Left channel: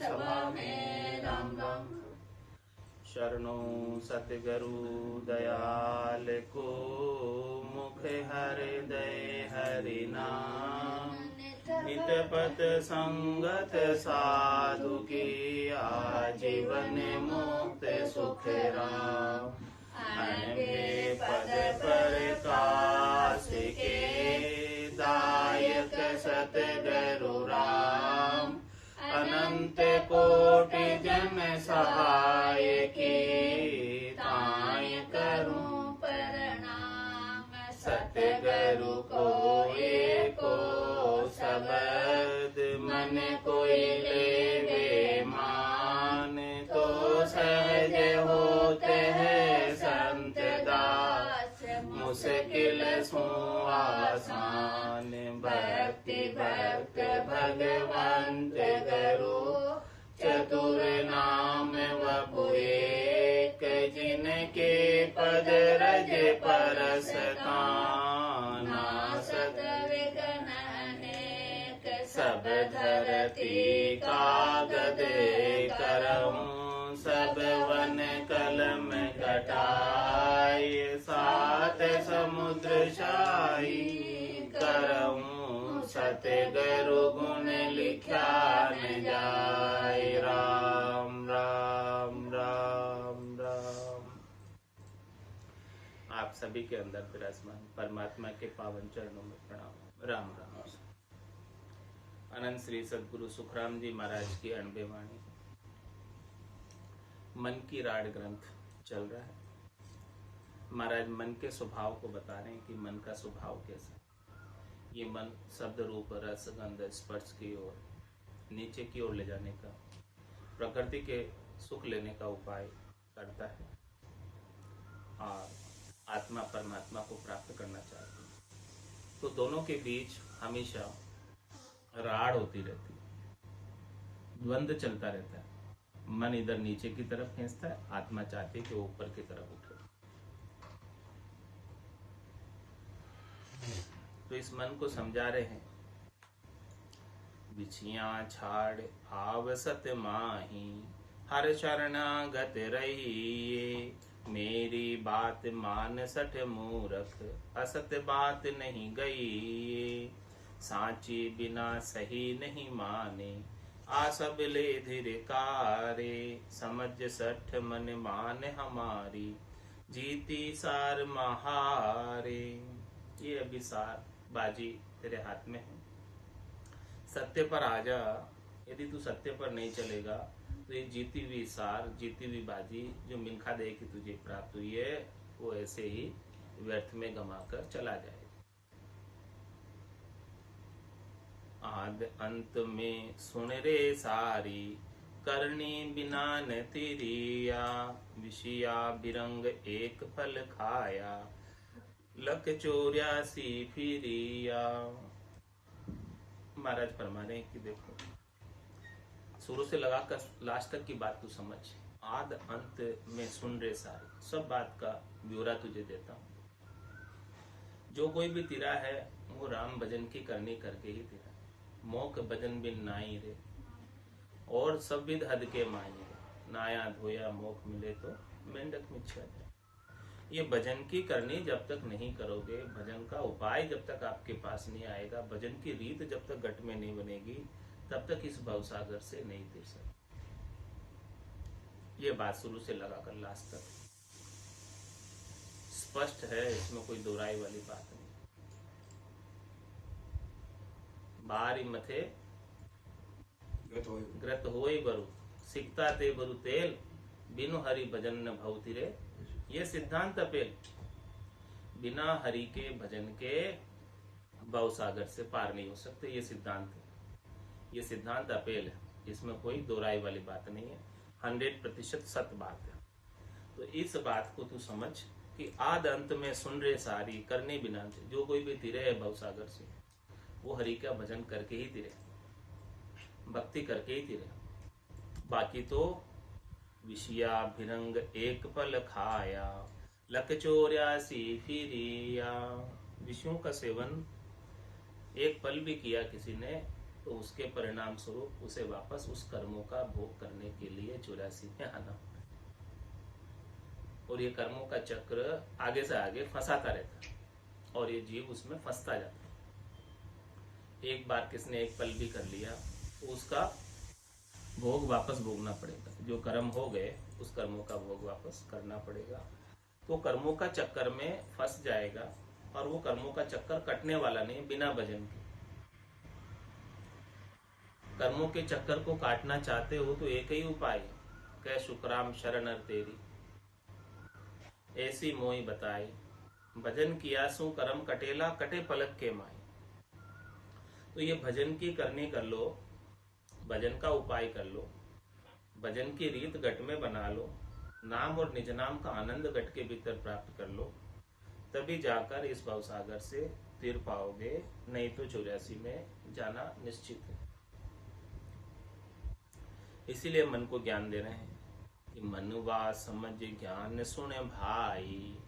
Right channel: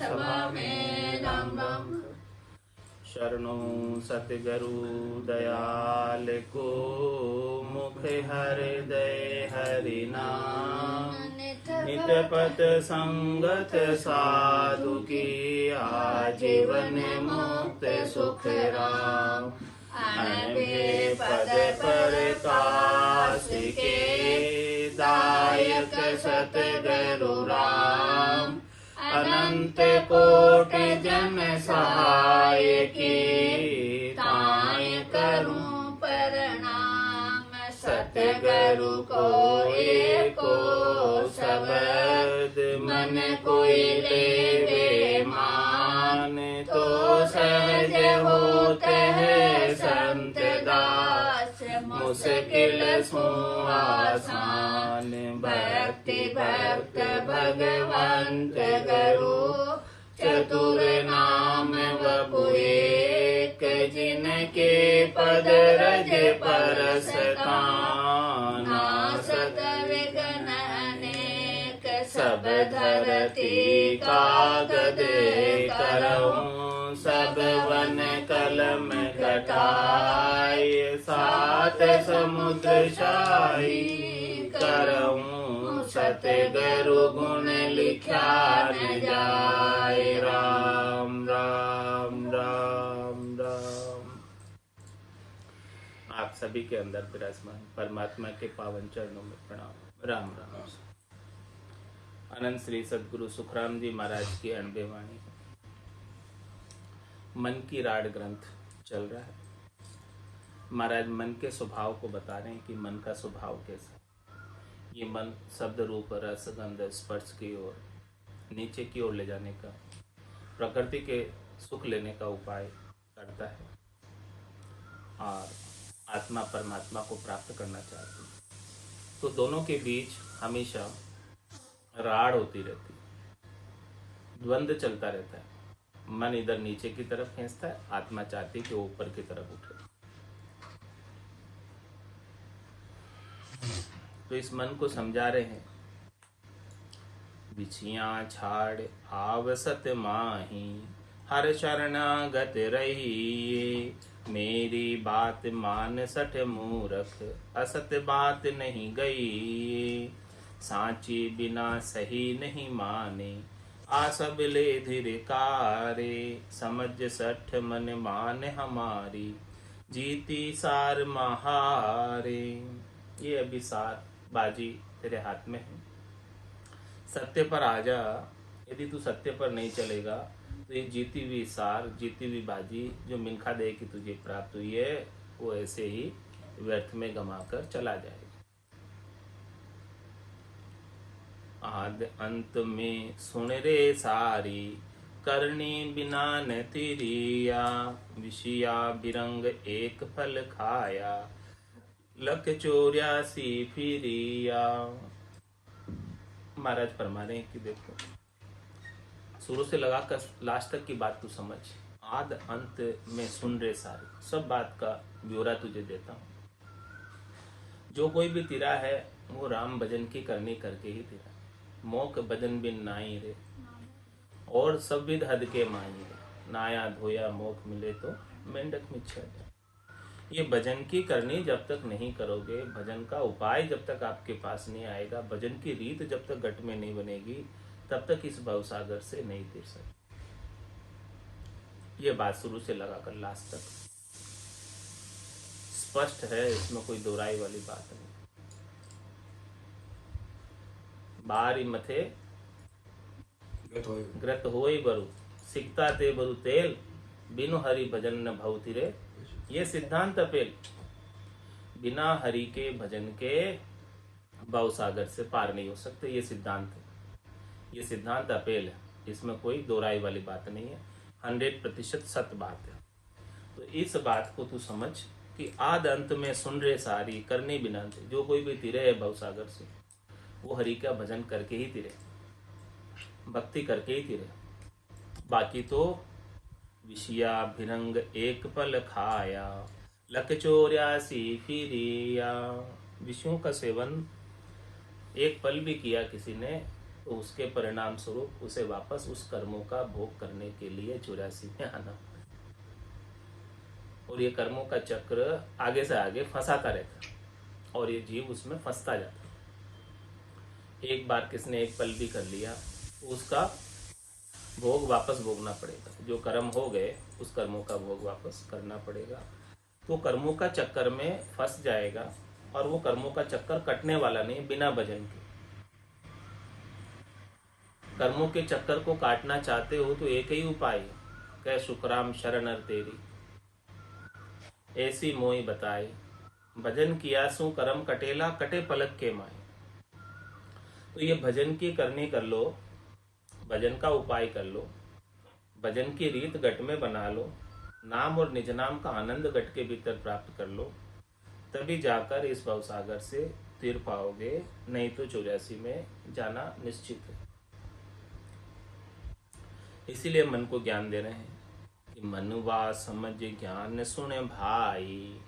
सभा में राम राम। शरणो सतगुरु दयाल को, मुख हृदय हरि नाम। नित पथ संगत साधु की, आजीवन मुक्त सुख राम। अनभे पद प्रकाश के, दायक सतगुरु राम। अनंत कोटि जन सहाय की, ताय करूं प्रणाम। सतगुरु को एको शब्द, मन कोई लेवे मान। तो सहज होते हैं संत दास, मुश्किल सो आसान। भक्ति भक्त भगवंत गुरु, चतुर नाम वपु एक। जिनके पद रज परस काना, सतविघ्न अनेक। सब धरती कागद करऊं, सब वन कलम कटाई। सात समुद्र शाही करऊं, सतगुरु गुण लिखा न जाए। राम राम राम राम। आप सभी के अंदर विराजमान परमात्मा के पावन चरणों में प्रणाम। राम राम। अनंत श्री सद्गुरु सुखराम जी महाराज की अणबे वाणी, मन की राड ग्रंथ चल रहा है। महाराज मन के स्वभाव को बता रहे हैं कि मन का स्वभाव कैसा है। ये मन शब्द रूप रस गंध स्पर्श की ओर, नीचे की ओर ले जाने का, प्रकृति के सुख लेने का उपाय करता है और आत्मा परमात्मा को प्राप्त करना चाहती है। तो दोनों के बीच हमेशा राड़ होती रहती है, द्वंद्व चलता रहता है। मन इधर नीचे की तरफ खींचता है, आत्मा चाहती है कि वो ऊपर की तरफ उठे। तो इस मन को समझा रहे हैं, बिछियां छाड़ आवसत माही, हर शरणागत रही। मेरी बात मान सठ मूरख, असत बात नहीं गई। सांची बिना सही नहीं माने, आ सब ले धिरकारे। समझ सठ मन मान हमारी, जीती सार महारे। ये अभी सार बाजी तेरे हाथ में है, सत्य पर आ जा। यदि तू सत्य पर नहीं चलेगा तो ये जीती हुई सार, जीती हुई बाजी जो मिल्खा दे की तुझे प्राप्त हुई है, वो ऐसे ही व्यर्थ में गंवाकर चला जाएगा। आद अंत में सुन रे सारी, करनी बिना न तिरिया। विषया बिरंग एक फल खाया, लख 84 फिरिया। महाराज फरमा रहे हैं कि देखो, शुरू से लगाकर लास्ट तक की बात तू समझ। आद अंत में सुन रे सारी, सब बात का ब्यौरा तुझे देता हूँ। जो कोई भी तिरा है वो राम भजन की करनी करके ही तिरा। मोक भजन बिन नाई रे, और सब विध हद के माई रे। नाया धोया मोक मिले तो मेंढक में छा जाए। ये भजन की करनी जब तक नहीं करोगे, भजन का उपाय जब तक आपके पास नहीं आएगा, भजन की रीत जब तक घट में नहीं बनेगी, तब तक इस भवसागर से नहीं तिर सकते। ये बात शुरू से लगाकर लास्ट तक स्पष्ट है, इसमें कोई दोहराई वाली बात नहीं। बारी मथे ग्रत होई बरु, सिकता ते बरु तेल। बिनु हरि भजन न भवति रे। ये सिद्धांत अपेल, बिना हरि के भजन के भवसागर से पार नहीं हो सकते। ये सिद्धांत है, ये सिद्धांत अपेल है, इसमें कोई दोहराई वाली बात नहीं है, 100% सत्य बात है। तो इस बात को तू समझ कि आद अंत में सुन रे सारी, करने बिना थे। जो कोई भी तिरे है भवसागर से, वो हरि का भजन करके ही तिरे, भक्ति करके ही तिरे। बाकी तो विषया भिरंग एक पल खाया, लख 84 फिरिया। विषयों का सेवन एक पल भी किया किसी ने तो उसके परिणाम स्वरूप उसे वापस उस कर्मों का भोग करने के लिए 84 में आना पड़े। और ये कर्मों का चक्र आगे से आगे फंसाता रहता और ये जीव उसमें फंसता जाता। एक बार किसने एक पल भी कर लिया, उसका भोग वापस भोगना पड़ेगा। जो कर्म हो गए उस कर्मों का भोग वापस करना पड़ेगा। तो कर्मों का चक्कर में फंस जाएगा और वो कर्मों का चक्कर कटने वाला नहीं बिना भजन के। कर्मों के चक्कर को काटना चाहते हो तो एक ही उपाय है, कह शुक्राम शरणर तेरी ऐसी मोई बताई, भजन किया सु कर्म कटेला कटे पलक के माई। तो ये भजन की करनी कर लो, भजन का उपाय कर लो, भजन की रीत गट में बना लो, नाम और निज नाम का आनंद गट के भीतर प्राप्त कर लो, तभी जाकर इस भवसागर से तीर पाओगे, नहीं तो 84 में जाना निश्चित है। इसीलिए मन को ज्ञान दे रहे हैं कि मनवा समझ ज्ञान सुने भाई,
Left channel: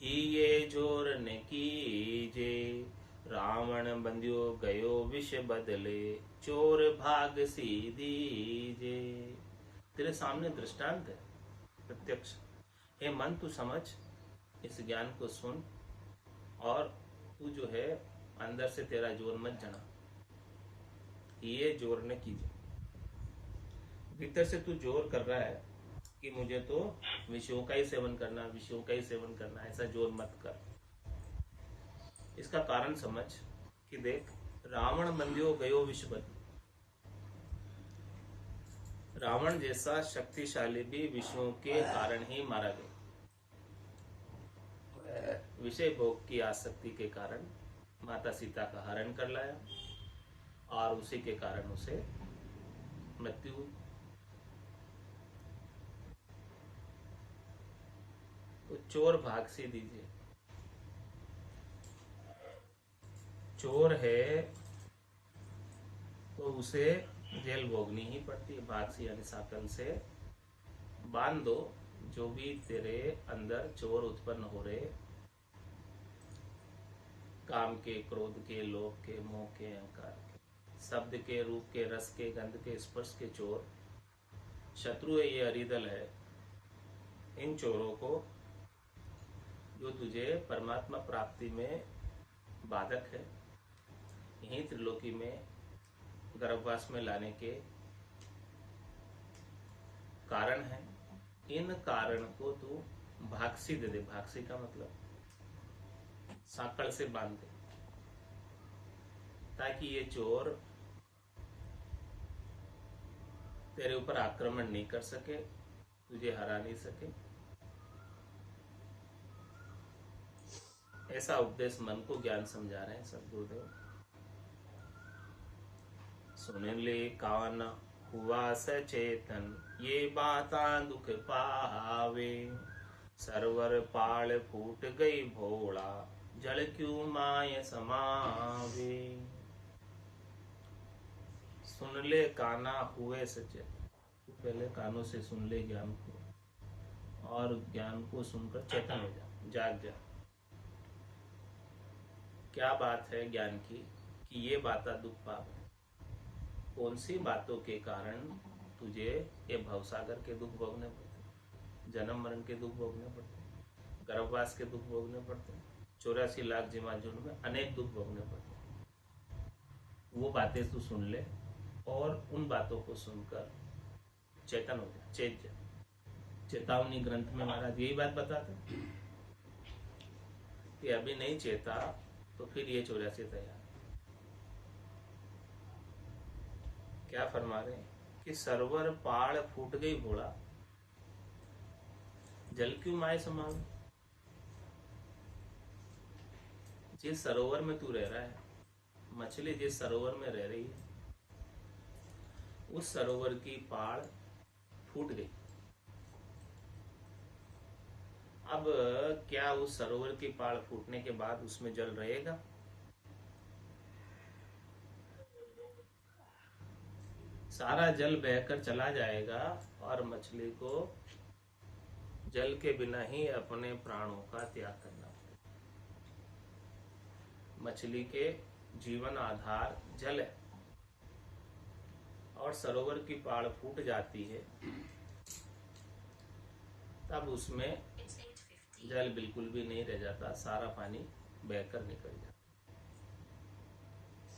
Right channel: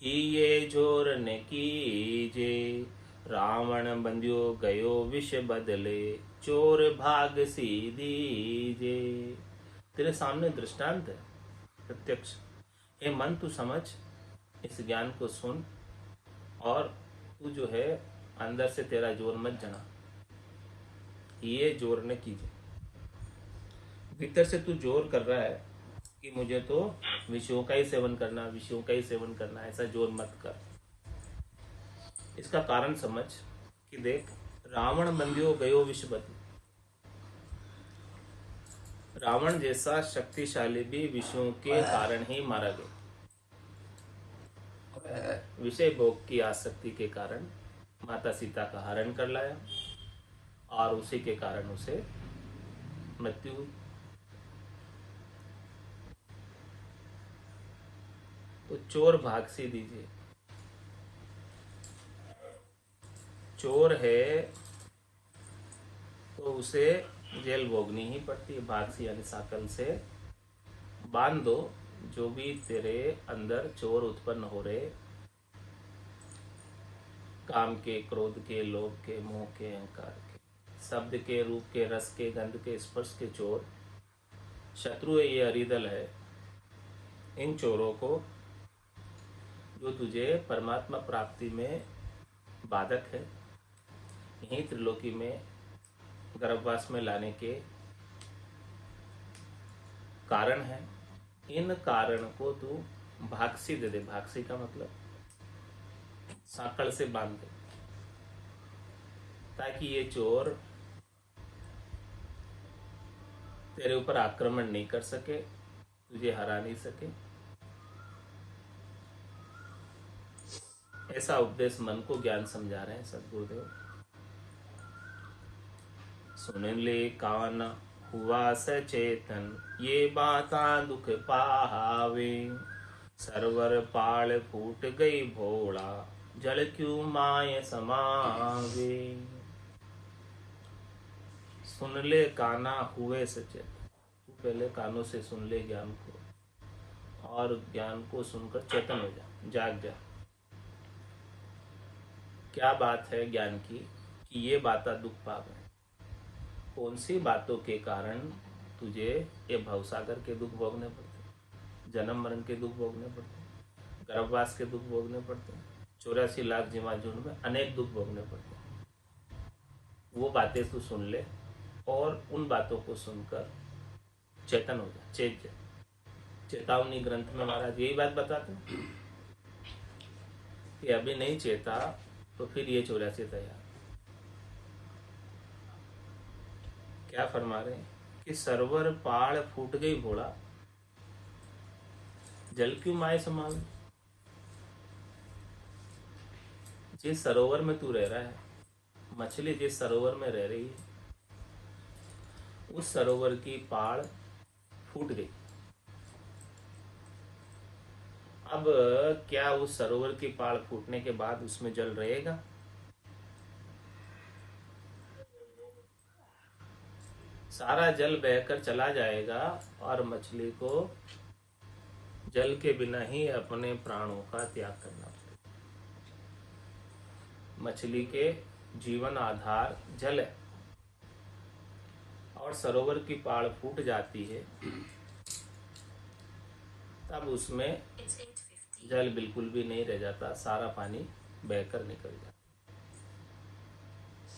ही ये जोर ने कीजे, रावण बंध्यो गयो विष बदले, चोर भाग सी दीजे। तेरे सामने दृष्टांत है प्रत्यक्ष। हे मन तू समझ, इस ज्ञान को सुन और तू जो है अंदर से तेरा जोर मत जना, ये जोर ने कीजिए। भीतर से तू जोर कर रहा है कि मुझे तो विषयों का ही सेवन करना, विषयों का ही सेवन करना, ऐसा जोर मत कर। इसका कारण समझ कि देख, रावण बंध्यो गयो विष बदले। रावण जैसा शक्तिशाली भी विषयों के कारण ही मारा गया। विषय भोग की आसक्ति के कारण माता सीता का हरण कर लाया और उसी के कारण उसे मृत्यु हुई। तो चोर भाग से दीजिए। चोर है तो उसे जेल भोगनी ही पड़ती है। भाग से यानी साकल से बांध दो। जो भी तेरे अंदर चोर उत्पन्न हो रहे, काम के, क्रोध के, लोभ के, मोह के, अहंकार के, शब्द के, रूप के, रस के, गंध के, स्पर्श के चोर, शत्रु है, ये अरिदल है। इन चोरों को जो तुझे परमात्मा प्राप्ति में बाधक है, यही त्रिलोकी में गर्भवास में लाने के कारण है, इन कारण को तू भागसी दे दे। भागसी का मतलब सांकड़ से बांध दे, ताकि ये चोर तेरे ऊपर आक्रमण नहीं कर सके, तुझे हरा नहीं सके। ऐसा उपदेश मन को ज्ञान समझा रहे हैं सदगुरुदेव। सुन ले कान हुआ सचेतन, ये बाता दुख पावे, सरवर पाल फूट गई भोला, जल क्यों माय समावे। सुन ले काना हुए सचेतन, पहले कानों से सुन ले ज्ञान को और ज्ञान को सुनकर चेतन हो जा, जाग जा। क्या बात है ज्ञान की कि ये बाता दुख पावे। कौन सी बातों के कारण तुझे ये भवसागर के दुख भोगने पड़ते, जन्म मरण के दुख भोगने पड़ते, गर्भवास के दुख भोगने पड़ते, 84 लाख जीवा झुंड में अनेक दुख भोगने पड़ते। वो बातें तू सुन ले और उन बातों को सुनकर चेतन हो जा, चेत जा। चेतावनी ग्रंथ में महाराज यही बात बताते हैं कि अभी नहीं चेता तो फिर ये 84 तैयार। क्या फरमा रहे हैं कि सरवर पाड़ फूट गई घोड़ा, जल क्यों माए समावे। जिस सरोवर में तू रह रहा है, मछली जिस सरोवर में रह रही है, उस सरोवर की पाड़ फूट गई। अब क्या उस सरोवर की पाड़ फूटने के बाद उसमें जल रहेगा? सारा जल बहकर चला जाएगा और मछली को जल के बिना ही अपने प्राणों का त्याग करना पड़ेगा। मछली के जीवन आधार जल है, और सरोवर की पाड़ फूट जाती है, तब उसमें जल बिल्कुल भी नहीं रह जाता, सारा पानी बहकर निकल जाता,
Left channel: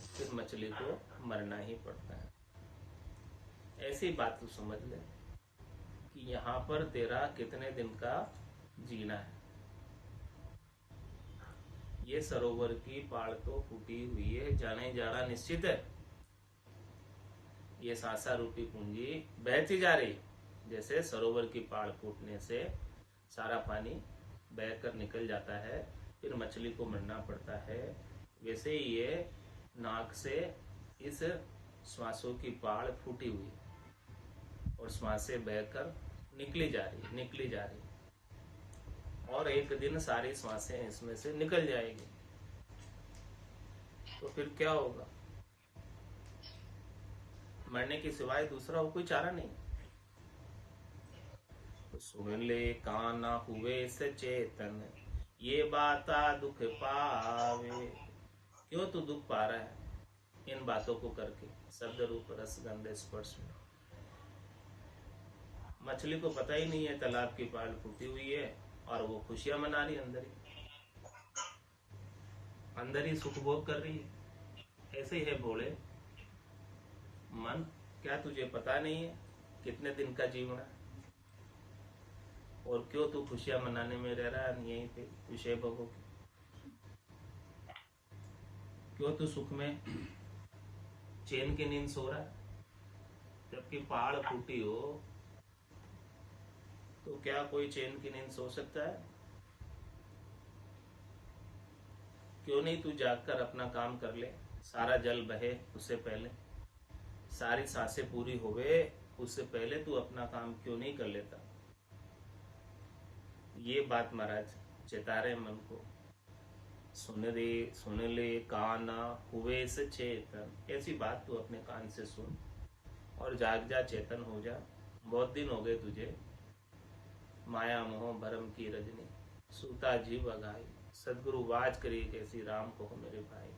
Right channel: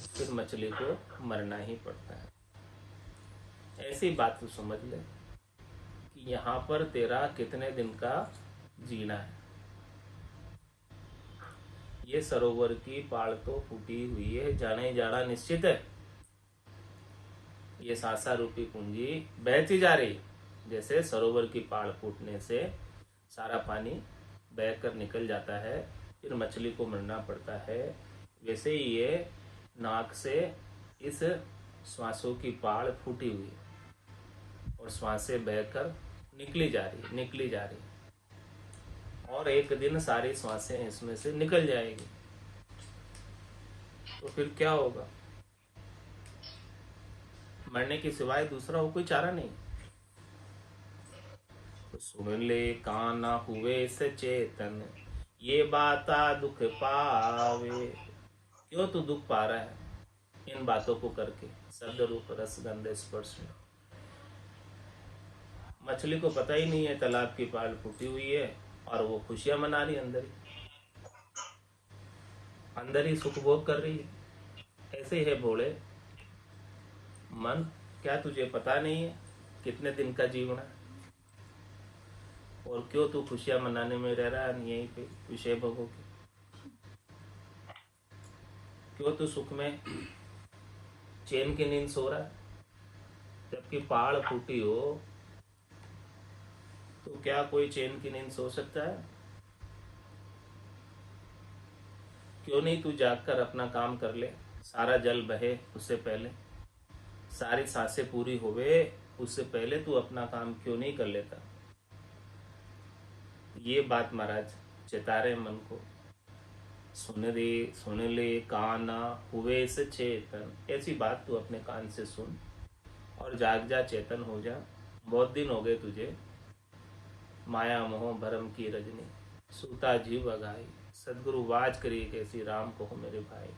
फिर मछली को मरना ही पड़ता है। ऐसी बात तू समझ ले कि यहाँ पर तेरा कितने दिन का जीना है। ये सरोवर की पाड़ तो फूटी हुई है, जाने जाना निश्चित है। ये सांसा रूपी पूंजी बहती जा रही, जैसे सरोवर की पाड़ फूटने से सारा पानी बहकर निकल जाता है, फिर मछली को मरना पड़ता है, वैसे ही ये नाक से इस श्वासों की पाड़ फूटी हुई और श्वासें बहकर निकली जा रही, और एक दिन सारी श्वासें इसमें से निकल जाएगी, तो फिर क्या होगा? मरने के सिवाय दूसरा हो कोई चारा नहीं। तो सुन ले काना हुए से चेतन, ये बाता दुख पावे। क्यों तू दुख पा रहा है इन बातों को करके? शब्द रूप रस गंध स्पर्श में मछली को पता ही नहीं है तालाब की पाल फूटी हुई है, और वो खुशियां मना रही, अंदर ही सुख भोग कर रही है। ऐसे ही है भोले मन, क्या तुझे पता नहीं है कितने दिन का जीवन है, और क्यों तू खुशियां मनाने में रह रहा है यहीं पे विषय भोगों के? क्यों तू सुख में चैन की नींद सो रहा है, जबकि पहाड़ फूटी हो तो क्या कोई चैन की नींद सो सकता है? क्यों नहीं तू जागकर अपना काम कर ले, सारा जल बहे उससे पहले, सारी सांसें पूरी होवे उससे पहले तू अपना काम क्यों नहीं कर लेता? ये बात महाराज चेता रहे मन को। सुन ले काना हुए से चेतन, ऐसी बात तू अपने कान से सुन और जाग जा, चेतन हो जा। बहुत दिन हो गए तुझे माया मोह भरम की रजनी, सूता जीव अगाई। सदगुरु वाज करिए कैसी राम को हो मेरे भाई।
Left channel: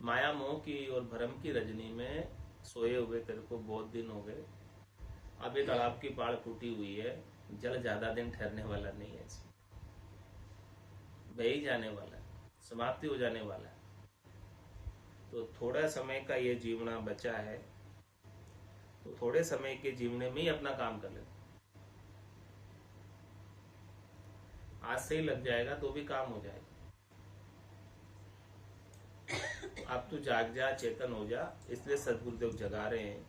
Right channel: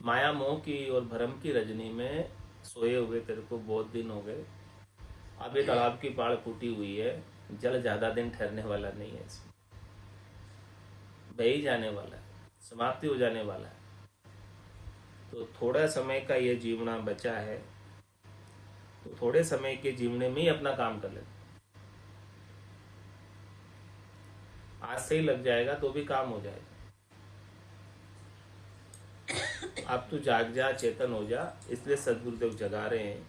माया मोह की और भरम की रजनी में सोए हुए तेरे को बहुत दिन हो गए। अब ये तालाब की पाड़ फूटी हुई है, जल ज्यादा दिन ठहरने वाला नहीं है, इसमें बह ही जाने वाला है, समाप्ति हो जाने वाला है। तो थोड़ा समय का ये जीवना बचा है, तो थोड़े समय के जीवने में ही अपना काम कर ले। आज से ही लग जाएगा तो भी काम हो जाएगा। अब तू जाग जा, चेतन हो जा, इसलिए सदगुरुदेव जगा रहे हैं।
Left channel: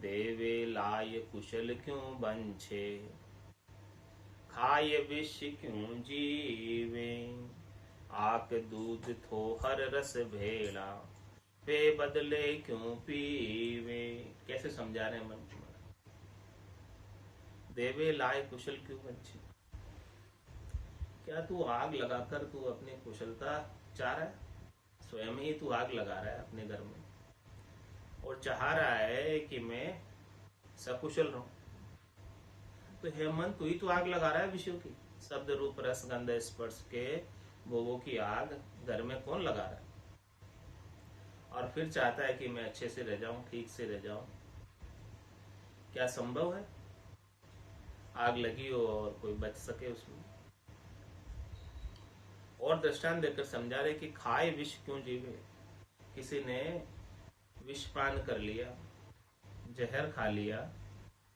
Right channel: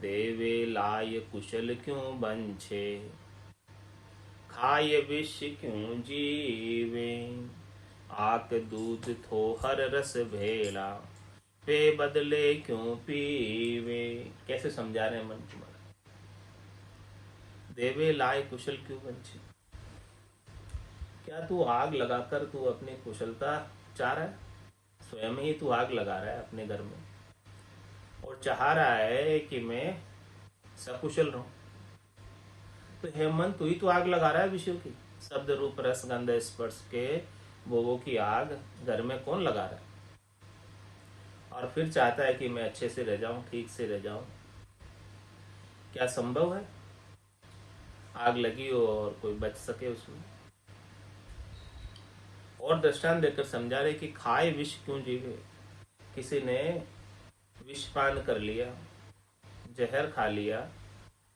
देवे लाय कुशल क्यों बंछे, खाए विष क्यों जीवे। आक दूध थो हर रस भेला, पे बदले क्यों पीवे। कैसे समझा रहे हैं मन तुम्हारा? देवे लाए कुशल क्यों बंछे, क्या तू आग लगाकर तू अपनी कुशलता चाह रहा है? स्वयं ही तू आग लगा रहा है अपने घर में और चाह रहा है कि मैं सकुशल रहूं। तो हेमंत तू ही तो आग लगा रहा है विषयों की, शब्द रूप रस गंध स्पर्श के भोगों की आग घर में कौन लगा रहा है? और फिर चाहता है कि मैं अच्छे से रह जाऊं, ठीक से रह जाऊं। क्या संभव है आग लगी हो और कोई बच सके उसमें? और दृष्टांत देकर समझा रहे कि खाए विष क्यों जीवे। किसी ने विष पान कर लिया, जहर खा लिया,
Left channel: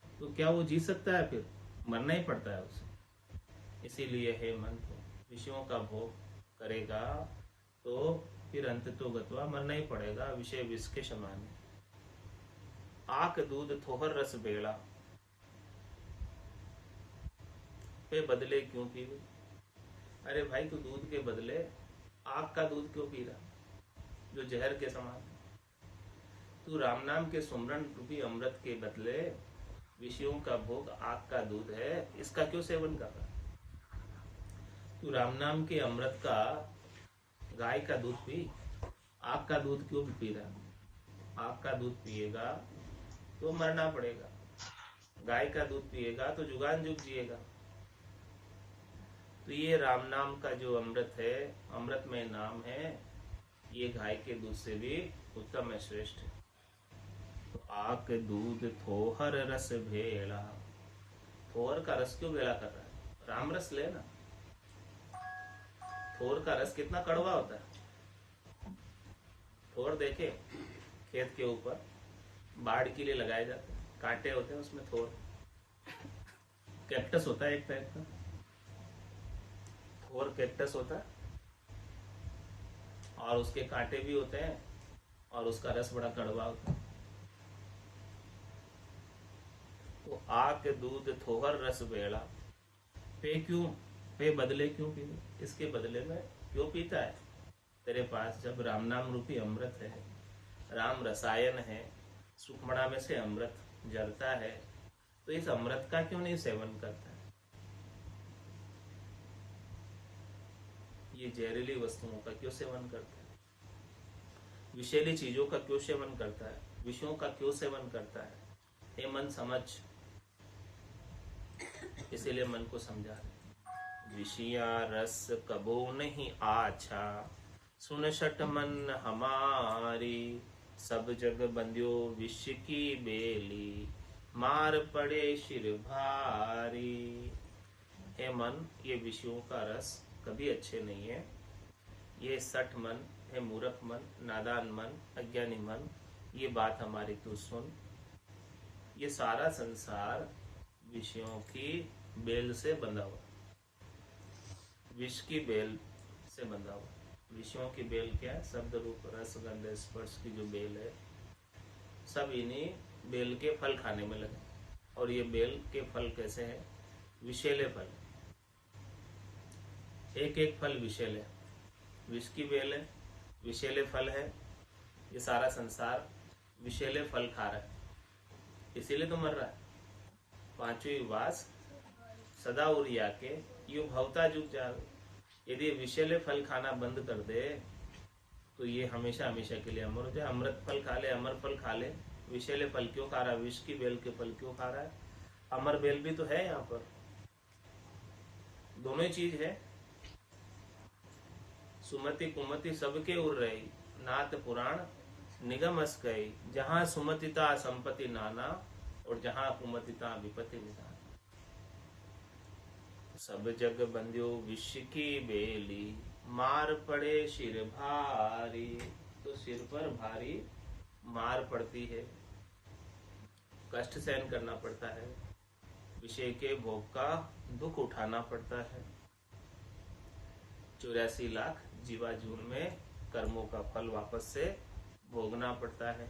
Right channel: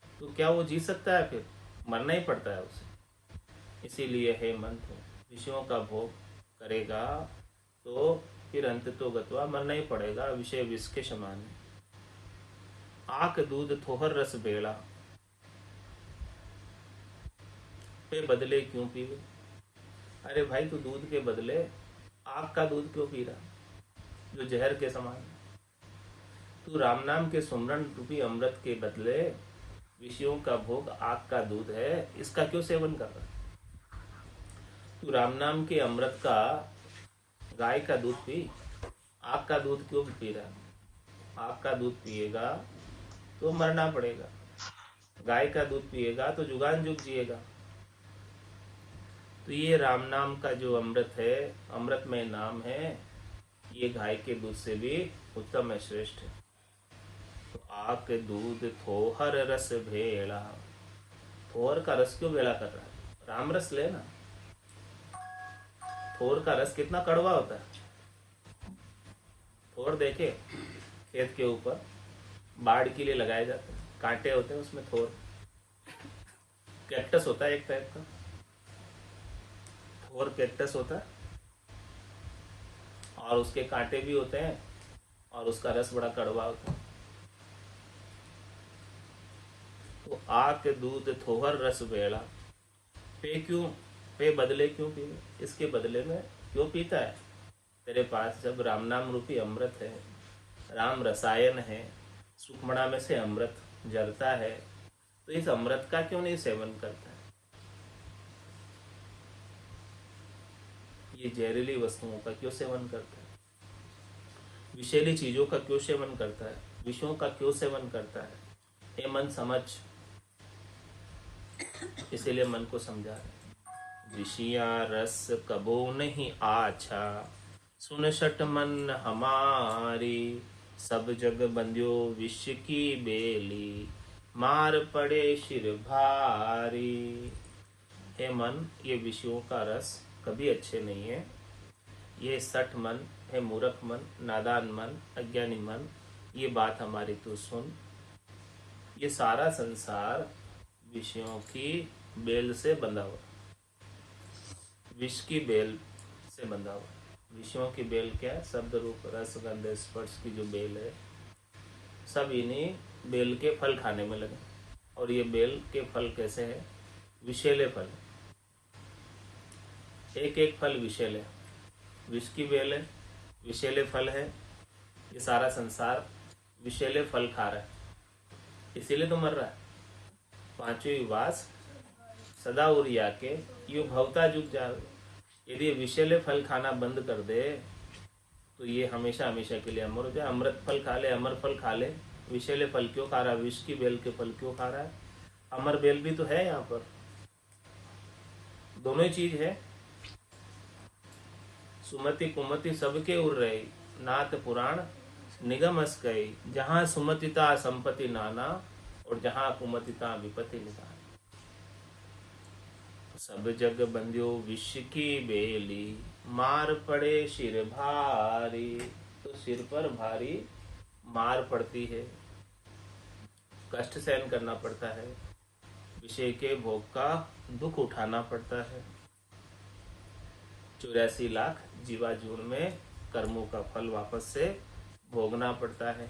तो क्या वो जी सकता है? फिर मरना ही पड़ता है उसे। इसीलिए हे मन, विषयों का भोग करेगा तो फिर अंत तो गत्वा मरना ही पड़ेगा। विषय विष के समान है। आक दूध थोहर रस बेड़ा, पे बदले क्यों पीवे। अरे भाई, तू दूध के बदले आग का दूध क्यों पी रहा, जो जहर के समान है? तू राम नाम के सुमरन रूपी अमृत के बदले विषयों का भोग आग का दूध है, इसका क्यों सेवन कर रहा? तू राम नाम के अमृत का गाय का दूध पी, आग का दूध क्यों पी रहा? आग का दूध पिएगा तो मरना पड़ेगा, गाय का दूध पिएगा तो जुगान जुग जिएगा। तो ये राम नाम का जो अमृत है, अमृतमय नाम है, ये गाय के दूध से भी उत्तम है, श्रेष्ठ है। तो आक दूध थोहर रस भेड़ा, थोहर का रस क्यों भेड़ा कर रहा है? राम रस लेना। थोर का रस कितना कड़वा होता है। थोर देखे खेत के ऊपर बाढ़ के लिए लगाए जाते हैं, कांटे होते हैं उसमें। थोर कैक्टस होता है एक टाइप का, थोर कैक्टस होता है, और उसके कांटे भी होते हैं, और उसका रस बड़ा कड़वा होता है। तो आक दूध थोहर रस बेड़ा, पे क्यों, पे बदले क्यों पी, इसके बदले में क्यों पीता है? तेरे पास जब राम नाम रूपी अमृत है, राम रसायन है, सुखमणा में से अमृत जलता है, तो इस अमृत का क्यों नहीं सेवन करता है? ये जहरीली वस्तुओं का क्यों सेवन करता है? विषैली चीजों का क्यों सेवन करता है? विषयों का क्यों सेवन करता है? ये मन समझ, इसीलिए मन को समझा रहे। विषया रस कबो नहीं आछा, सुन शट मन हमारी, सब जग बंध्यो विष की बेली, मार पड़े शिर भारी। हे मन, ये विषयों का रस कभी अच्छे नहीं है। ये सठ मन है, मूर्ख मन, नादान मन, अज्ञानी मन, ये बात हमारी तू सुन। ये सारा संसार विषयों की बेल से बंधा हुआ, विष की बेल से बंधा हुआ। विषयों की बेल क्या है? शब्द रूप रस गंध स्पर्श की जो बेल है, सब इन्हीं बेल के फल खाने में लगे। और ये बेल के फल कैसे हैं? विषैले फल, एक एक फल विषैले। विष की बेल है, विषैले फल है, ये सारा संसार विषैले फल खा रहा है, इसीलिए तो मर रहा है। पांचवी वास सदा उरिया के यू भवता जुग जावे। यदि विषैले फल खाना बंद कर दे तो ये हमेशा हमेशा के लिए अमर हो जाए। अमृत फल खा ले, अमर फल खा ले, विषैले फल क्यों खा रहा है? विष की बेल के फल क्यों खा रहा है? अमर बेल भी तो है यहाँ पर, दोनों ही चीज है। सुमति कुमति सबके उर रही, नाथ पुराण निगम अस गई। जहाँ सुमतिता संपत्ति नाना, और जहाँ कुमतिता विपत्ति निधान। सब जग बंध्यो विष की बेली, मार पड़े सिर भारी। तो सिर पर भारी मार पड़ती है, कष्ट सहन करना पड़ता है, विषय के भोग का दुख उठाना पड़ता है। 84 लाख जीवाजून में कर्मों का फल वापस से भोगना पड़ता है।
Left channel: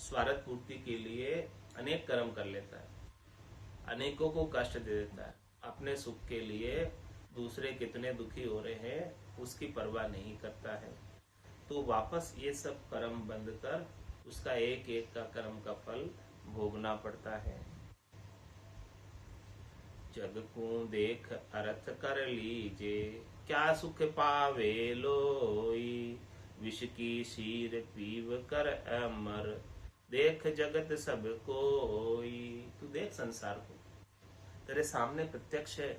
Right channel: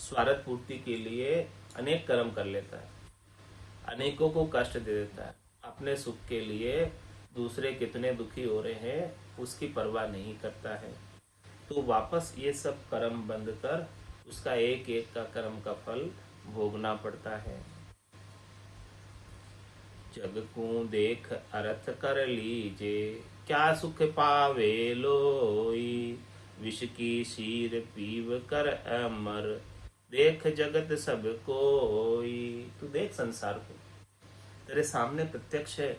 स्वार्थ पूर्ति के लिए अनेक कर्म कर लेता है, अनेकों को कष्ट दे देता है। अपने सुख के लिए दूसरे कितने दुखी हो रहे हैं उसकी परवाह नहीं करता है। तो वापस ये सब कर्म बंद कर उसका एक एक का कर्म का फल भोगना पड़ता है। जग को देख अर्थ कर लीजे, क्या सुख पावे लोई। विष की शीर पीव कर अमर, देख जगत सब कोई। तू देख संसार को, तेरे सामने प्रत्यक्ष है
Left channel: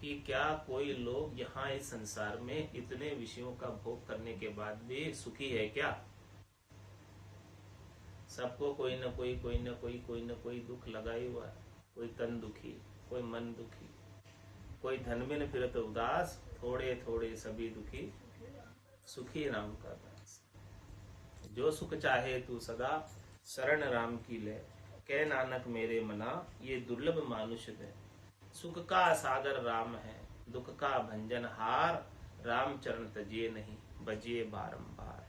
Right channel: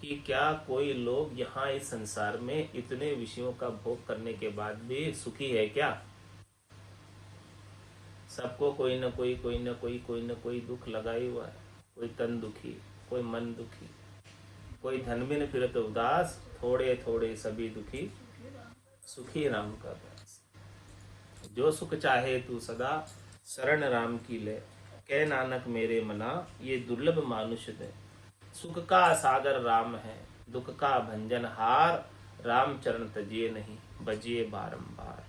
कि क्या कोई लोग यहाँ इस संसार में इतने विषयों का भोग करने के बाद भी सुखी है क्या? सबको कोई न कोई दुख लगा ही हुआ है। कोई तन दुखी, कोई मन दुखी, कोई धन बिन फिरत उदास, थोड़े थोड़े सभी दुखी, सुखी राम का दास। जो सुख चाहे तू सदा, शरण राम की ले। कह नानक मेरे मना, ये दुर्लभ मानुष दे। सुख का सागर राम है, दुख का भंजन हार। राम चरण तजिए नहीं, बजिए बारंबार।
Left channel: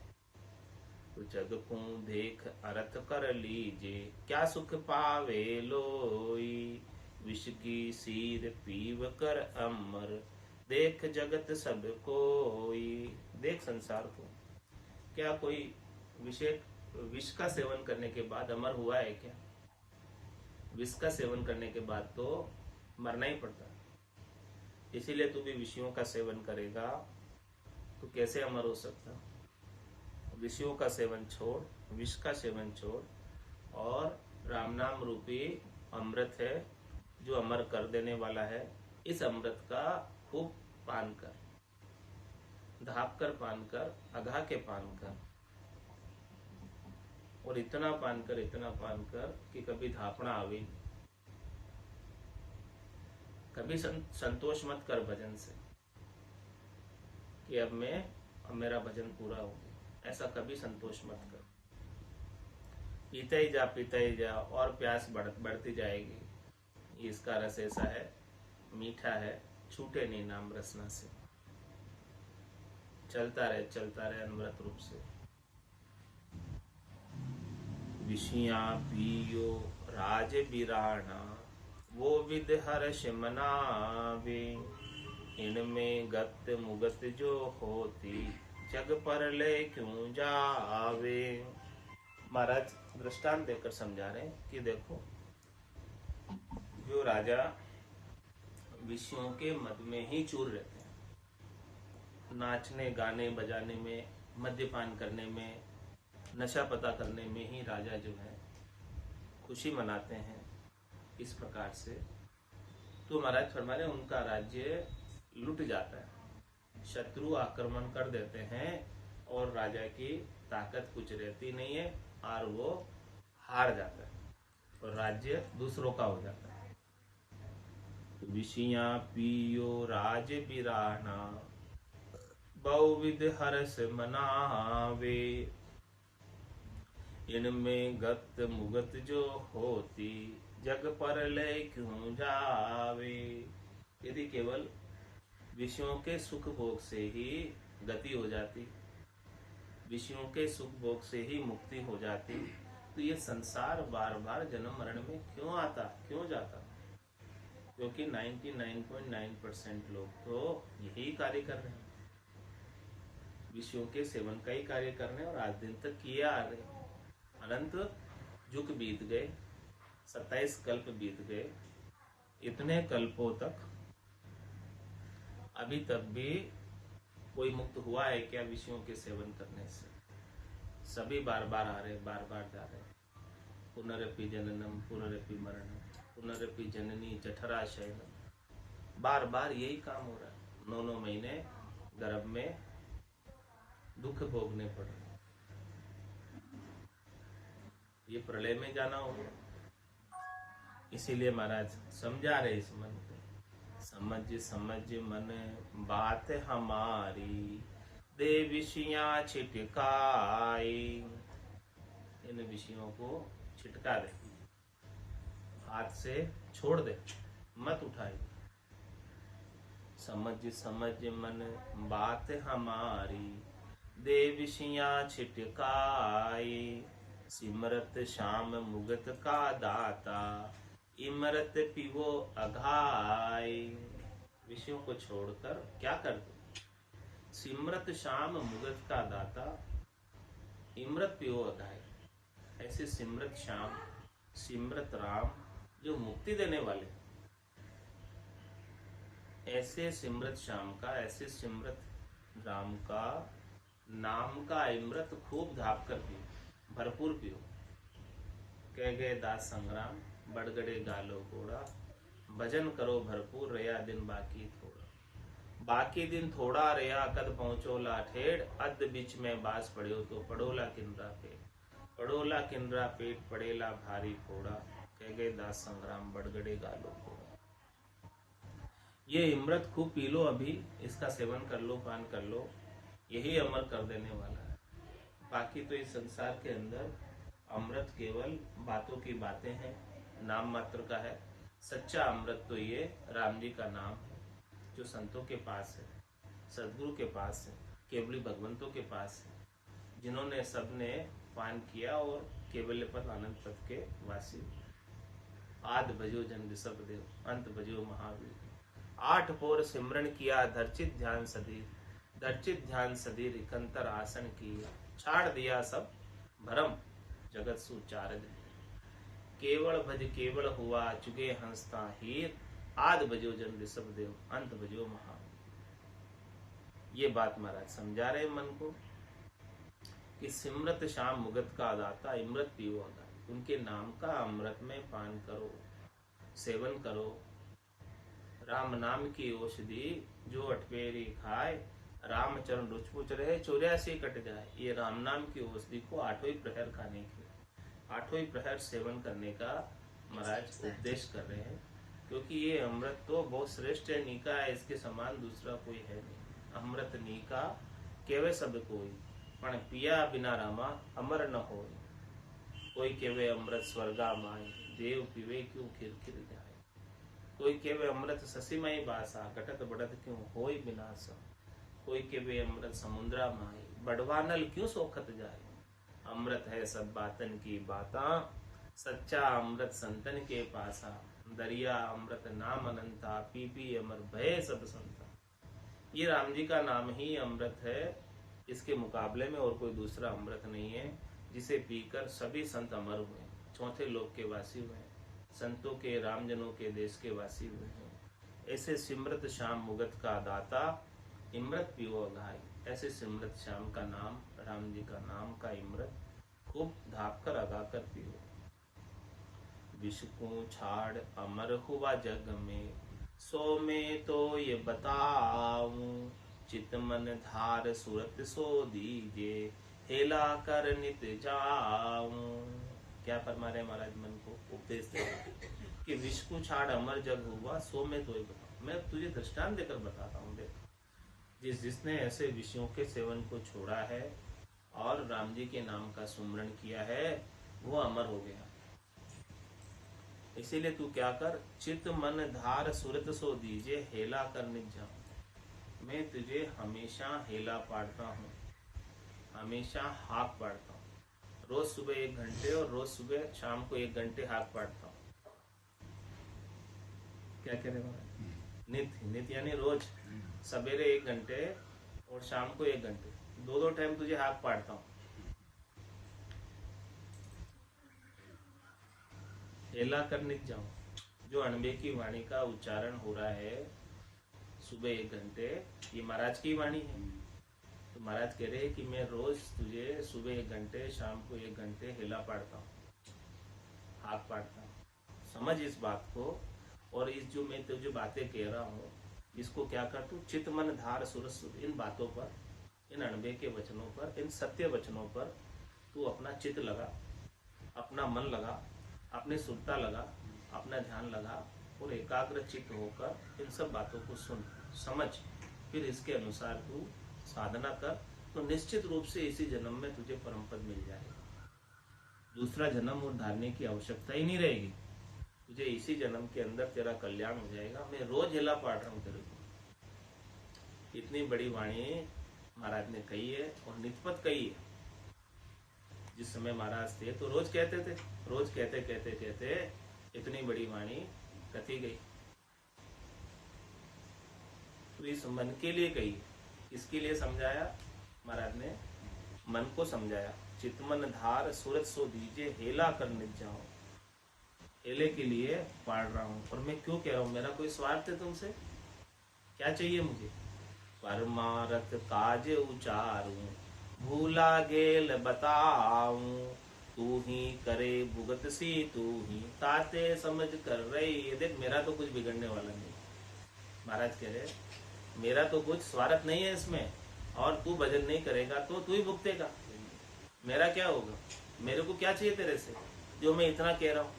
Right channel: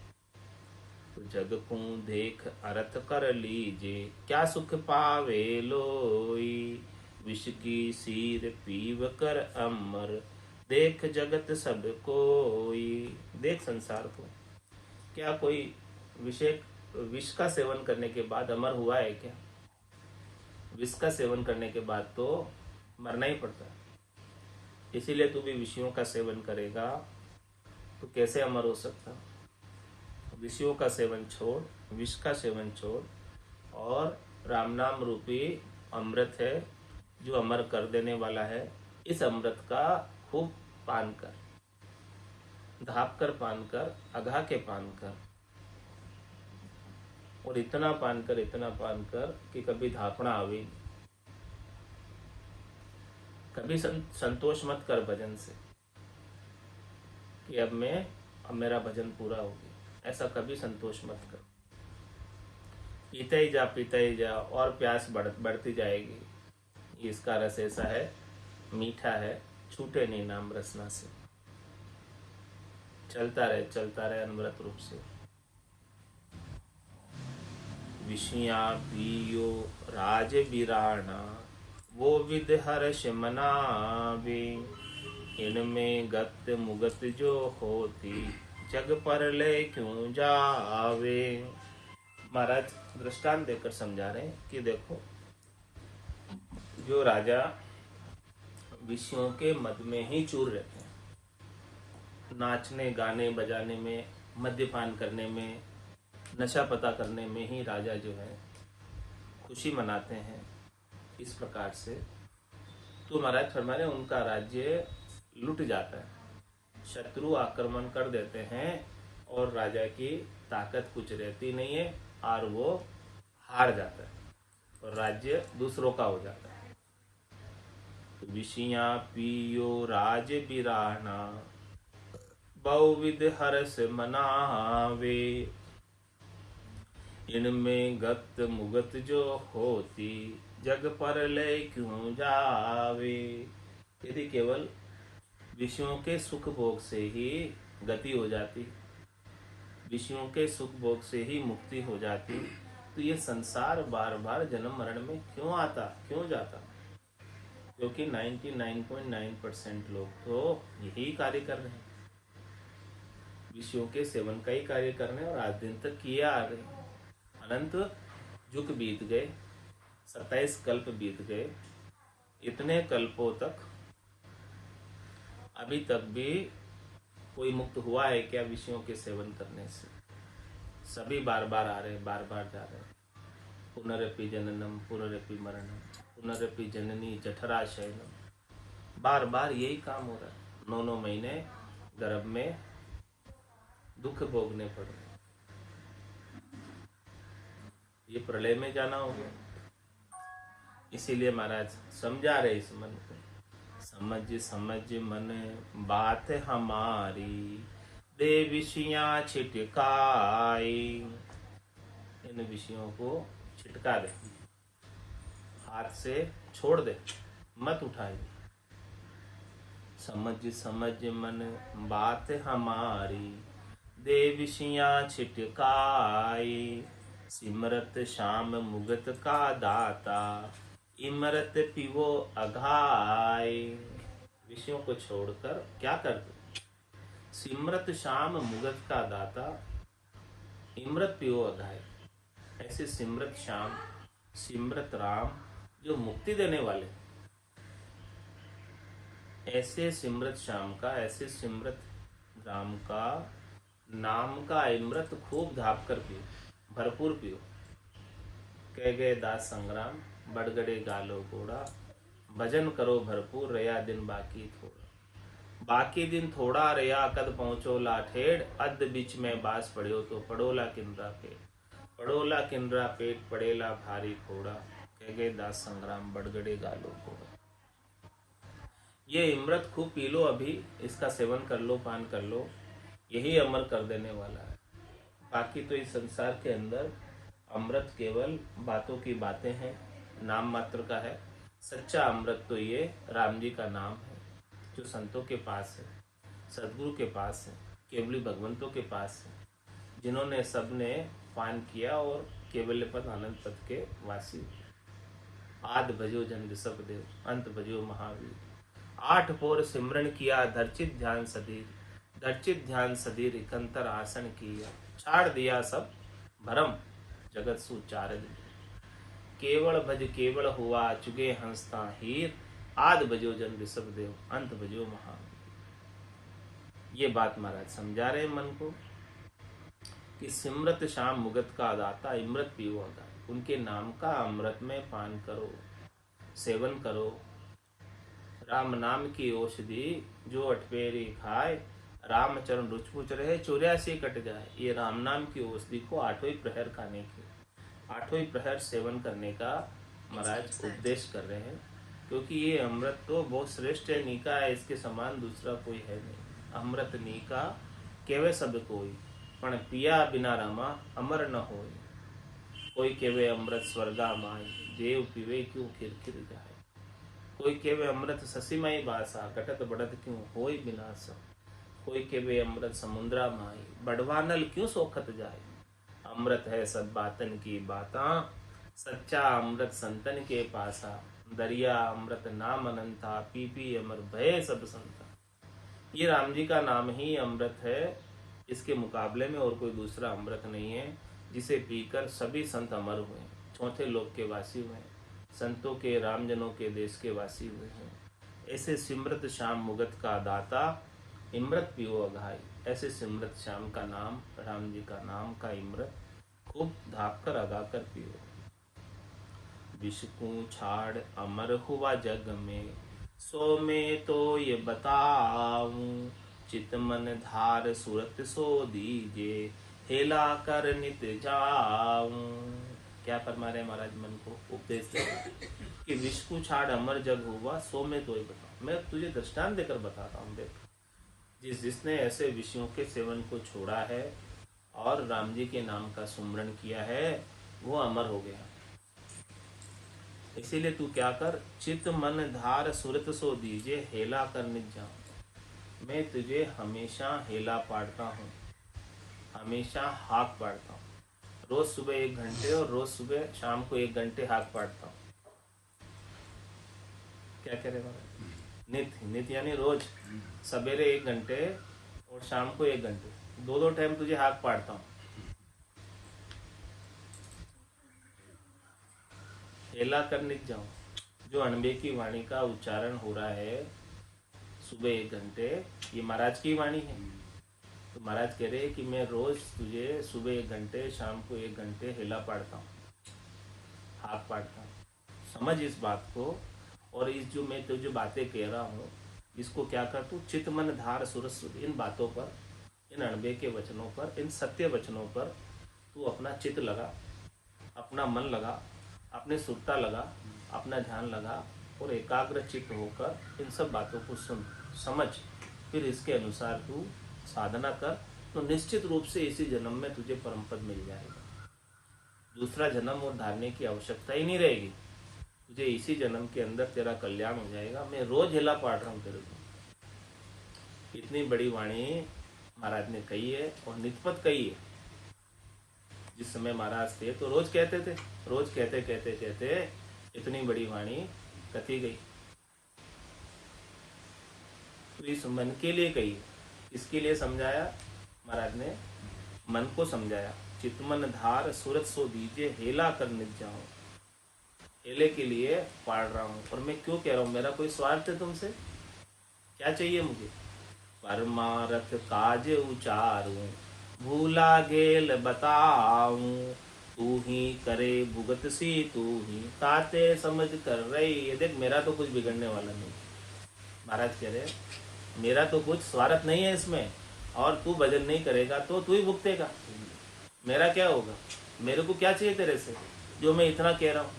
तो जग को देख अर्थ कर लीजे, क्या सुख पावे लोई। विष की सीर पीव कर अमर, देख जगत सब कोई। देख संसार को, क्या कोई विष का सेवन करने के बाद अमर हुआ है क्या? विष का सेवन करने के बाद तो मरना ही पड़ता है। इसीलिए तू भी विषयों का सेवन करेगा तो कैसे अमर हो सकता? विषयों का सेवन छोड़, विष का सेवन छोड़, और राम नाम रूपी अमृत है जो अमर कर देने वाला है, इस अमृत का खूब पान कर। धाप कर पान कर, अघा के पान कर, और इतना पान कर कि कभी धापना आवे। कभी संतोष मत कर भजन से कि अब मेरा भजन पूरा हो गया, ऐसा कभी संतोष मत कर। पीते ही जा और प्यास बढ़ती जाएगी। इसका रस ऐसा है, मीठा है, छूटे नहीं नाम रसना से। चलता रहे अनवरत रूप से। विषया पियो राज बिराना, वो विद हर्ष मनावे। इनमें गत मुगत जो होती, जग पर ले क्यों जावे। महाराज दृष्टांत देकर समझा रहे हैं कि देखो, जो राजा विषयों के मद में ही चूर रहते हैं, नाचने गाने बजाने में, मद्यपान करने में, नशा पता करने में ही राजा जो है खुशी मनाते हैं, इस प्रकार से तो महाराज फरमा रहे उनका राज्य लुट जाता है। शत्रु आक्रमण कर देते हैं और राजा की ताकत कुछ रहती नहीं है और वो हार जाता है और राज्य दूसरों का हो जाता है। विषया पियो राज बिराना, बहुविध हर्ष मनावे। इनमें गत मुगत जो होती, जग पर ले क्यों जावे। यदि केवल विषयों के सुख भोग से ही गति हो जाती, विषयों के सुख भोग से ही मुक्ति हो जाती, तो ये संसार बार बार जन्म मरण में क्यों आता, क्यों जाता। क्योंकि 99.9% लोग तो यही कार्य कर रहे हैं, विषयों के सेवन का ही कार्य कर रहे हैं और आज दिन तक किए आ रहे हैं। अनंत युग बीत गए, 27 कल्प बीत गए, इतने कल्पों तक अभी तक भी कोई मुक्त हुआ है क्या विषयों के सेवन करने से। सभी बार बार आ रहे हैं, बार बार जा रहे हैं। पुनरपि जननम पुनरपि मरणम, पुनरपि जननी जठरा शयनम, बार बार यही काम हो रहा है। 9 महीने गर्भ में दुख भोगने पड़ रहे हैं। ये प्रलय में जाना हो गया। इसीलिए महाराज समझा रहे इस मन को, समझ मन बात हमारी, दे विषयां छिटकाई। इन विषयों को छिटका दे, हाथ से छोड़ दे, मत उठाए। समझ मन बात हमारी, दे विषयां छिटकाई। सिमरत श्याम मुगत का दाता, इमरत पिवो अघाय। विषयों को छोड़कर क्या कर दो, सिमरत श्याम मुगत का दाता, इमरत पिवो अघाय। ऐसे सिमरत श्याम, सिमरत राम जो मुक्ति देने वाले, ऐसे सिमरत श्याम का, ऐसे सिमरत राम का नाम का इमरत खूब धाप कर पियो, भरपूर पियो। कह गए दास संग्राम, बढ़ गड़े गालो घोड़ा, भजन करो भरपूर, रया दिन बाकी थोड़ा। बाकी दिन थोड़ा रया, कद पहुंचो लाठेड़, अध बीच में बास पड़ो तो पड़ोला किंद्रा पेट, पड़ोला किंद्रा पेट, पड़ेला भारी फोड़ा। कह गए दास संग्राम, बढ़ गड़े गालो घोड़ा। ये इमरत खूब पी लो, अभी इसका सेवन कर लो, पान कर लो, यही अमर कर देने वाला है। बाकी तो इस संसार के अंदर अमृत केवल बातों की बातें हैं, नाम मात्र का है। सच्चा अमृत तो ये राम जी का नाम है, जो संतों के पास है, सदगुरु के पास है, केवली भगवंतों के पास है, जिन्होंने सबने पान किया और केवल पद आनंद पद के वासी। आद भजो जन ऋषभ देव, अंत भजो महावीर। 8 पोर सिमरन किया, धर्चित ध्यान सधीर, धर्चित ध्यान सधीर, इकंतर आसन किया। छाड़ दिया सब भरम, जगत सुचारद। केवल भज केवल हुआ, चुगे हंसता हीर। आद भजो जन ऋषभ देव, अंत भजो महावीर। ये बात महाराज समझा रहे मन को कि सिमरत श्याम मुगत का दाता, इमृत पीवो अघाय। उनके नाम का अमृत में पान करो, सेवन करो। राम नाम की औषधि जो अठपेरी खाए, रामचरण रुचमुच रहे 84 कट जाए। ये राम नाम की औषधि को 8वें प्रहर खाने की, 8वें प्रहर सेवन करने का महाराज उपदेश कर रहे हैं। क्योंकि ये अमृत तो बहुत श्रेष्ठ है, नीका है, इसके समान दूसरा कोई है नहीं। अमृत नीका केवे सब कोई, पण पिया बिना रामा अमर न होय। कोई केवे अमृत स्वर्गा माई, देव पीवे क्यों खिर जाए। कोई केवे अमृत ससीमाई बासा, घटत बढ़त क्यों होय विनाशा। कोई केवे अमृत समुद्रा माई, बड़वानल क्यों सोखत जाए। अमृत है सब बातन की बाता, सच्चा अमृत संतन के पासा। दरिया अमृत नाम अनंता, पी पी अमर भय सब संता। ये राम जी का नाम ही अमृत है, इसके मुकाबले में और कोई दूसरा अमृत नहीं है, जिसे पीकर सभी संत अमर हुए, चौथे लोक के वासी हुए, संतों के रामजनों के देश के वासी हुए हैं। ऐसे सिमरत श्याम मुगत का दाता, इमृत पियो अघाई। ऐसे सिमरत श्याम का नाम, राम जी का नाम का इमृत खूब धाप कर अगा कर पियो। विष को छाड़ अमर हुआ जग में, सो में तो ये बताऊं। चित मन धार सुरत सो दीजे, हेला कर नित जाऊं। क्या फरमा रहे महाराज मन को उपदेश दे कि विष को छाड़ अमर जग हुआ, सो में तो ये बताऊं। मैं तुझे दृष्टांत देकर बताता हूँ। देख, जिसने ऐसे विषयों के सेवन को छोड़ा है और राम जी के नाम का सुमरण किया है, वो अमर हो गया। इसीलिए तू क्या कर, चित मन धार सुरत सो दीजे, हेला कर नित जाऊं। मैं तुझे हमेशा हेला पाड़ता हूँ, हमेशा हाक पाड़ता हूँ। रोज सुबह 1 घंटे और रोज सुबह शाम को 1 घंटे हाक पाड़ता हूँ। क्या कह रहे महाराज? नित, नित यानी रोज सवेरे 1 घंटे और शाम को 1 घंटे, 2 टाइम तुझे हाक पाड़ता हूँ। हेला कर नित जाऊं। जो अणबे की वाणी का उच्चारण हो रहा है सुबह 1 घंटे, ये महाराज की वाणी है। तो महाराज कह रहे हैं कि मैं रोज तुझे सुबह 1 घंटे, शाम को 1 घंटे हेला पाड़ता हूँ, हाथ पाड़ता हूँ। समझ इस बात को। और इस जो मैं तुझे बातें कह रहा हूँ, इसको क्या कर तू, चित मन धार सुरस, इन बातों पर, इन अणबे के वचनों पर, इन सत्य वचनों पर तू अपना चित्त लगा, अपना मन लगा, अपने सुरता लगा, अपना ध्यान लगा और एकाग्र चित्त होकर इन सब बातों को सुन, समझ, फिर इसके अनुसार तू साधना कर, तो निश्चित रूप से इसी जन्म में तुझे परम पद मिल जाएगा। दूसरा जन्म और धारने की आवश्यकता ही नहीं रहेगी, तुझे इसी जन्म के अंदर तेरा कल्याण हो जाएगा। मैं रोज हिला पाड़ रहा हूँ तेरे को। इतनी बड़ी वाणी महाराज ने कही है और नितपत कही है। जिस समय महाराज थे तो रोज कहते थे, रोज कहते कहते कहते इतनी बड़ी वाणी कथी गई। तो इस मन के लिए कही, इसके लिए समझाया महाराज ने, मन को समझाया। चितमन धार सुरत सो दीजे, हेला कर नित जाओ। हेले के लिए पाड़ रहा हूँ। और मैं क्यों कह रहा हूँ, मेरा कोई स्वार्थ है तुमसे? क्या चाहिए मुझे? परमारथ काज उचारूं, भूला गेल बताऊं। तू ही करे भुगत सी तू ही, ताते समझ कर रही। ये देख, मेरा तो कुछ बिगड़ने वाला नहीं। महाराज कह रहे मेरा तो कुछ स्वार्थ नहीं है इसमें, और तू भजन नहीं करेगा तो तू ही भुगतेगा। मेरा क्या होगा? मेरे को क्या चाहिए तेरे से जो मैं इतना कह रहा हूँ?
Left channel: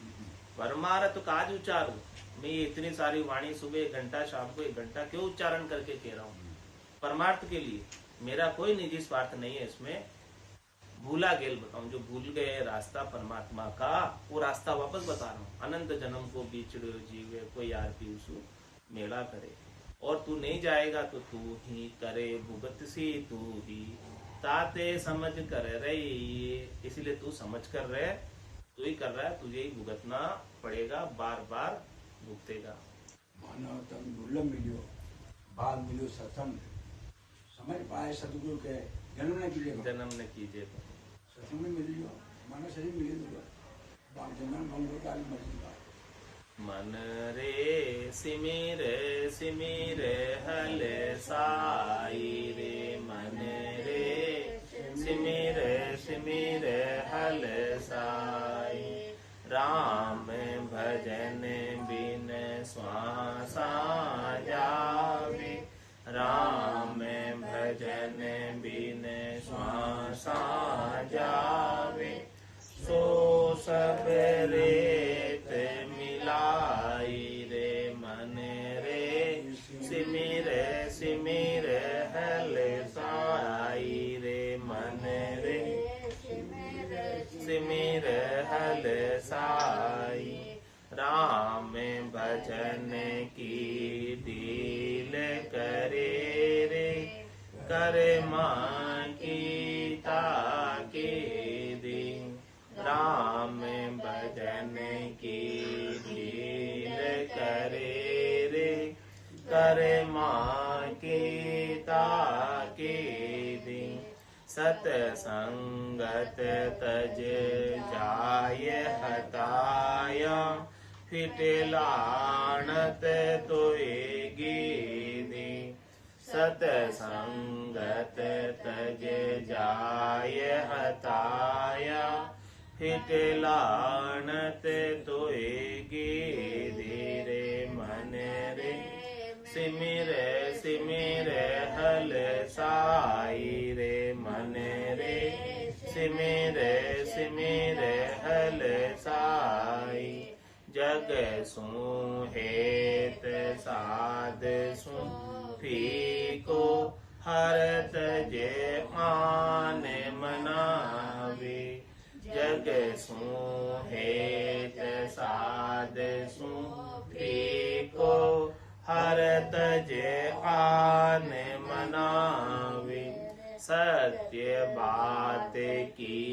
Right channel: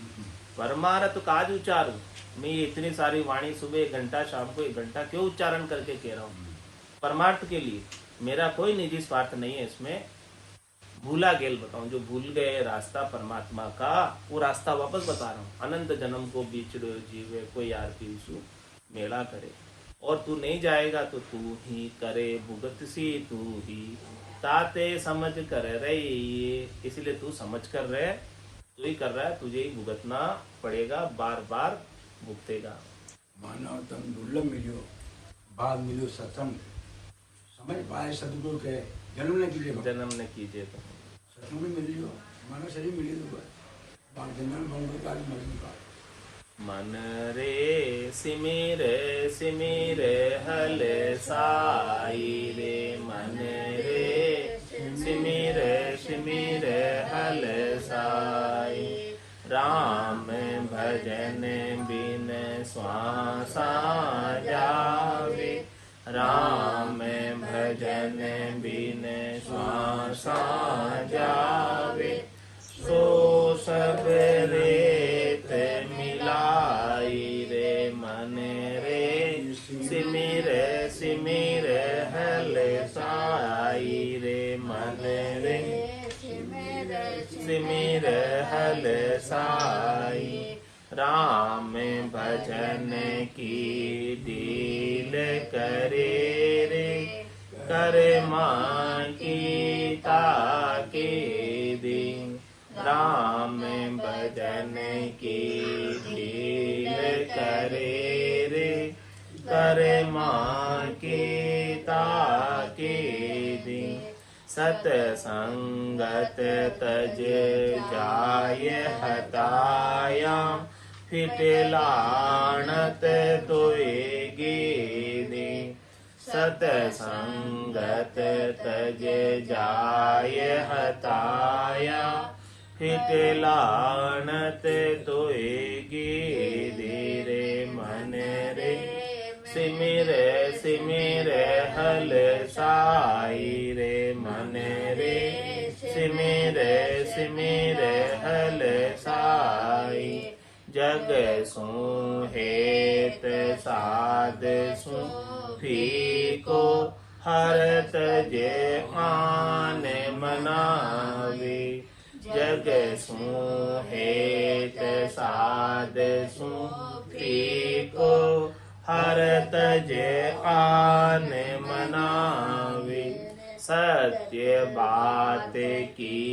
परमारथ काज उच्चारूं, मैं ये इतनी सारी वाणी सुबह 1 घंटा, शाम को 1 घंटा क्यों उच्चारण करके कह रहा हूँ? परमार्थ के लिए। मेरा कोई निजी स्वार्थ नहीं है इसमें। भूला गेल बताऊं, जो भूल गए रास्ता परमात्मा का, वो रास्ता वापस बता रहा हूँ। अनंत जन्म को बिछड़ो जीवे, कोई यार पीसू मेला करे। और तू नहीं जाएगा तो तू ही करे भुगत सी तू ही, ताते समझ कर रही। इसलिए तू समझ कर रहे, तू ही कर रहा है, तुझे ही भुगतना पड़ेगा, बार बार भुगतेगा। मानव तन दुर्लभ मिलो, बाल मिलो सत्संग, समझ पाए सदगुरु के जन्म न कीजिए तो सत्संग में मिलियो, मानव शरीर मिले तो बाल जन्म बंगो का मरी का। मन रे सिमिर सिमिर हल साई रे, मन रे सिमिर सिमिर हल साई। राम भजन बिन श्वासा जावे, राम भजन भजन बिन श्वासा जावे, सो सब रेत मिलाई रे मन रे, सिमिर सिमिर हल साई रे मन रे, सिमिर हल साई। राम भजन की डील करे रे, कर मां की ताके दिन। राम भजन की डील करे रे, कर मां की ताके दिन। सतसंगत तज जाय हताया, फिट लाणत तोय गीदी। सतसंगत तज जाय हताया, फिट लाणत तोय गीदी रे मन रे, सिमिर सिमिर हल साई रे मन रे, सिमिर सिमिर हल साई। जग सु हेत साध सु फीको, हरत जे आन मनावे। जग सु हेत साध सु फीको, हरत जे आन मनावे। सत्य बात की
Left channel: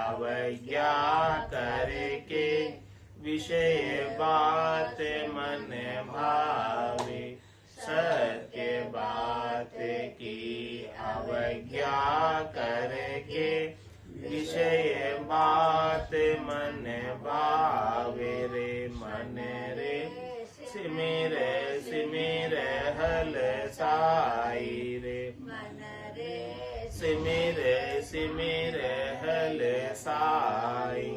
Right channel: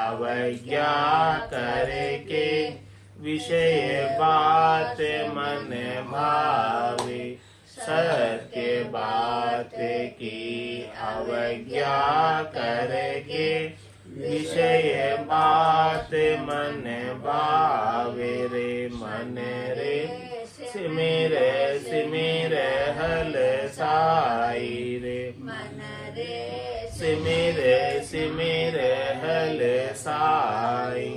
अवज्ञा करके, विषय बात मन भावे। सत्य बात की अवज्ञा करके, विषय बात मन भावे रे मन रे, सिमिर सिमिर हल साई रे मन रे, सिमिर सिमिर हल साई।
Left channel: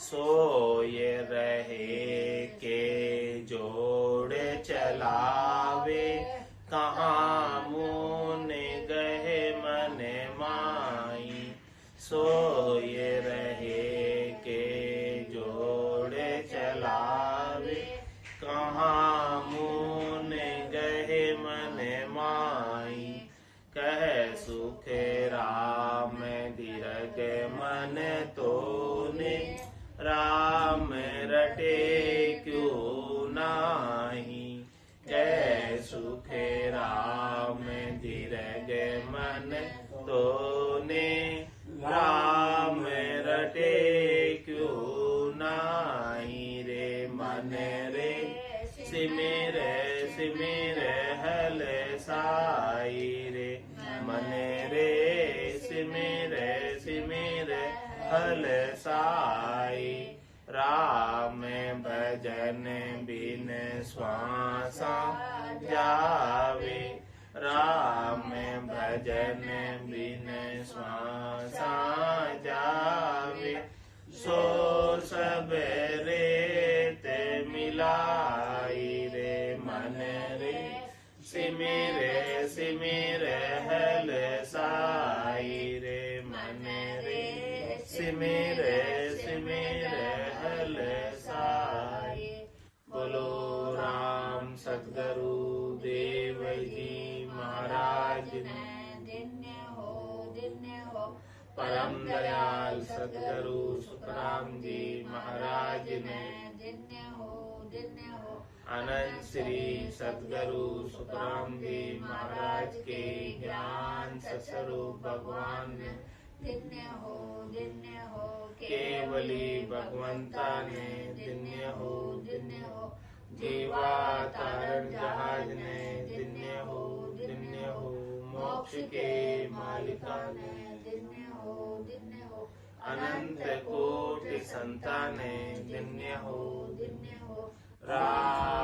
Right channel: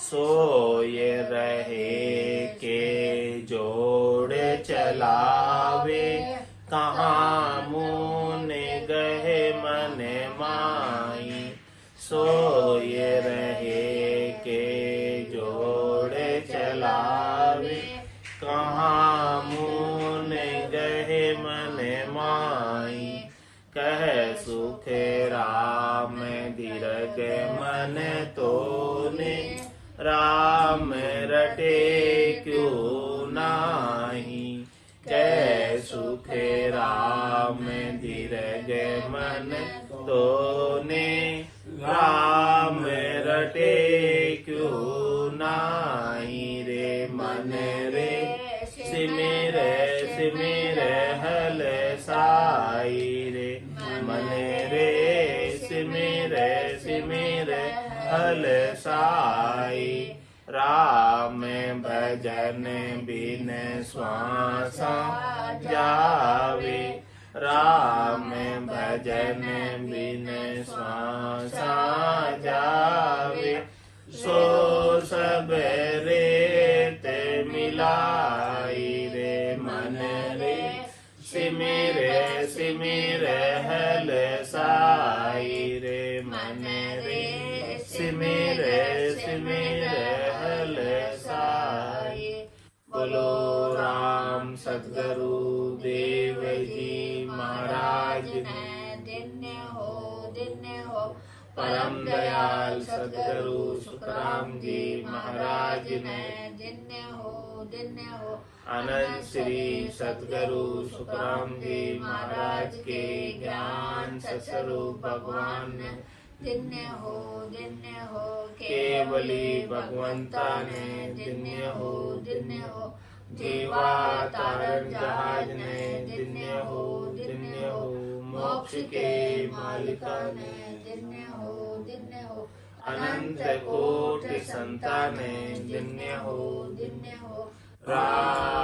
सोय रहे के जोड़ चलावे, कहाँ मुन गहे मन माई। सोय रहे के जोड़ चलावे, कहाँ मुन गहे मन माई। कह सुख राम दीर्घ मन तोने, राम रटे क्यों नाही। कह सुख राम दीर्घ मन तोने, राम रटे क्यों नाही रे मन रे, सिमिर सिमिर हल साई रे मन रे, सिमिर सिमिर हल साई। राम भजन बिन श्वासा जावे, राम भजन बिन श्वासा जावे। सो सब रेत मिलाई रे मन रे, सिमिर सिमिर हल साई रे मन रे, सिमिर सिमिर हल साई। बोलो राम सतगुरु देव जी महाराज धन्य हो परम दयाल सतगुरु सुखराम जी महाराज ने, धन्य हो अनंत श्री सतगुरु सुखराम जी महाराज के ज्ञान सस्वरूप भगवान ने, धन्य हो केवली भगवंता ने, धन्य हो जीवा तारण जहाज ने, धन्य हो मोक्ष के मालिका ने, धन्य हो अनंत कोटि संताने, धन्य हो धन्य हो राम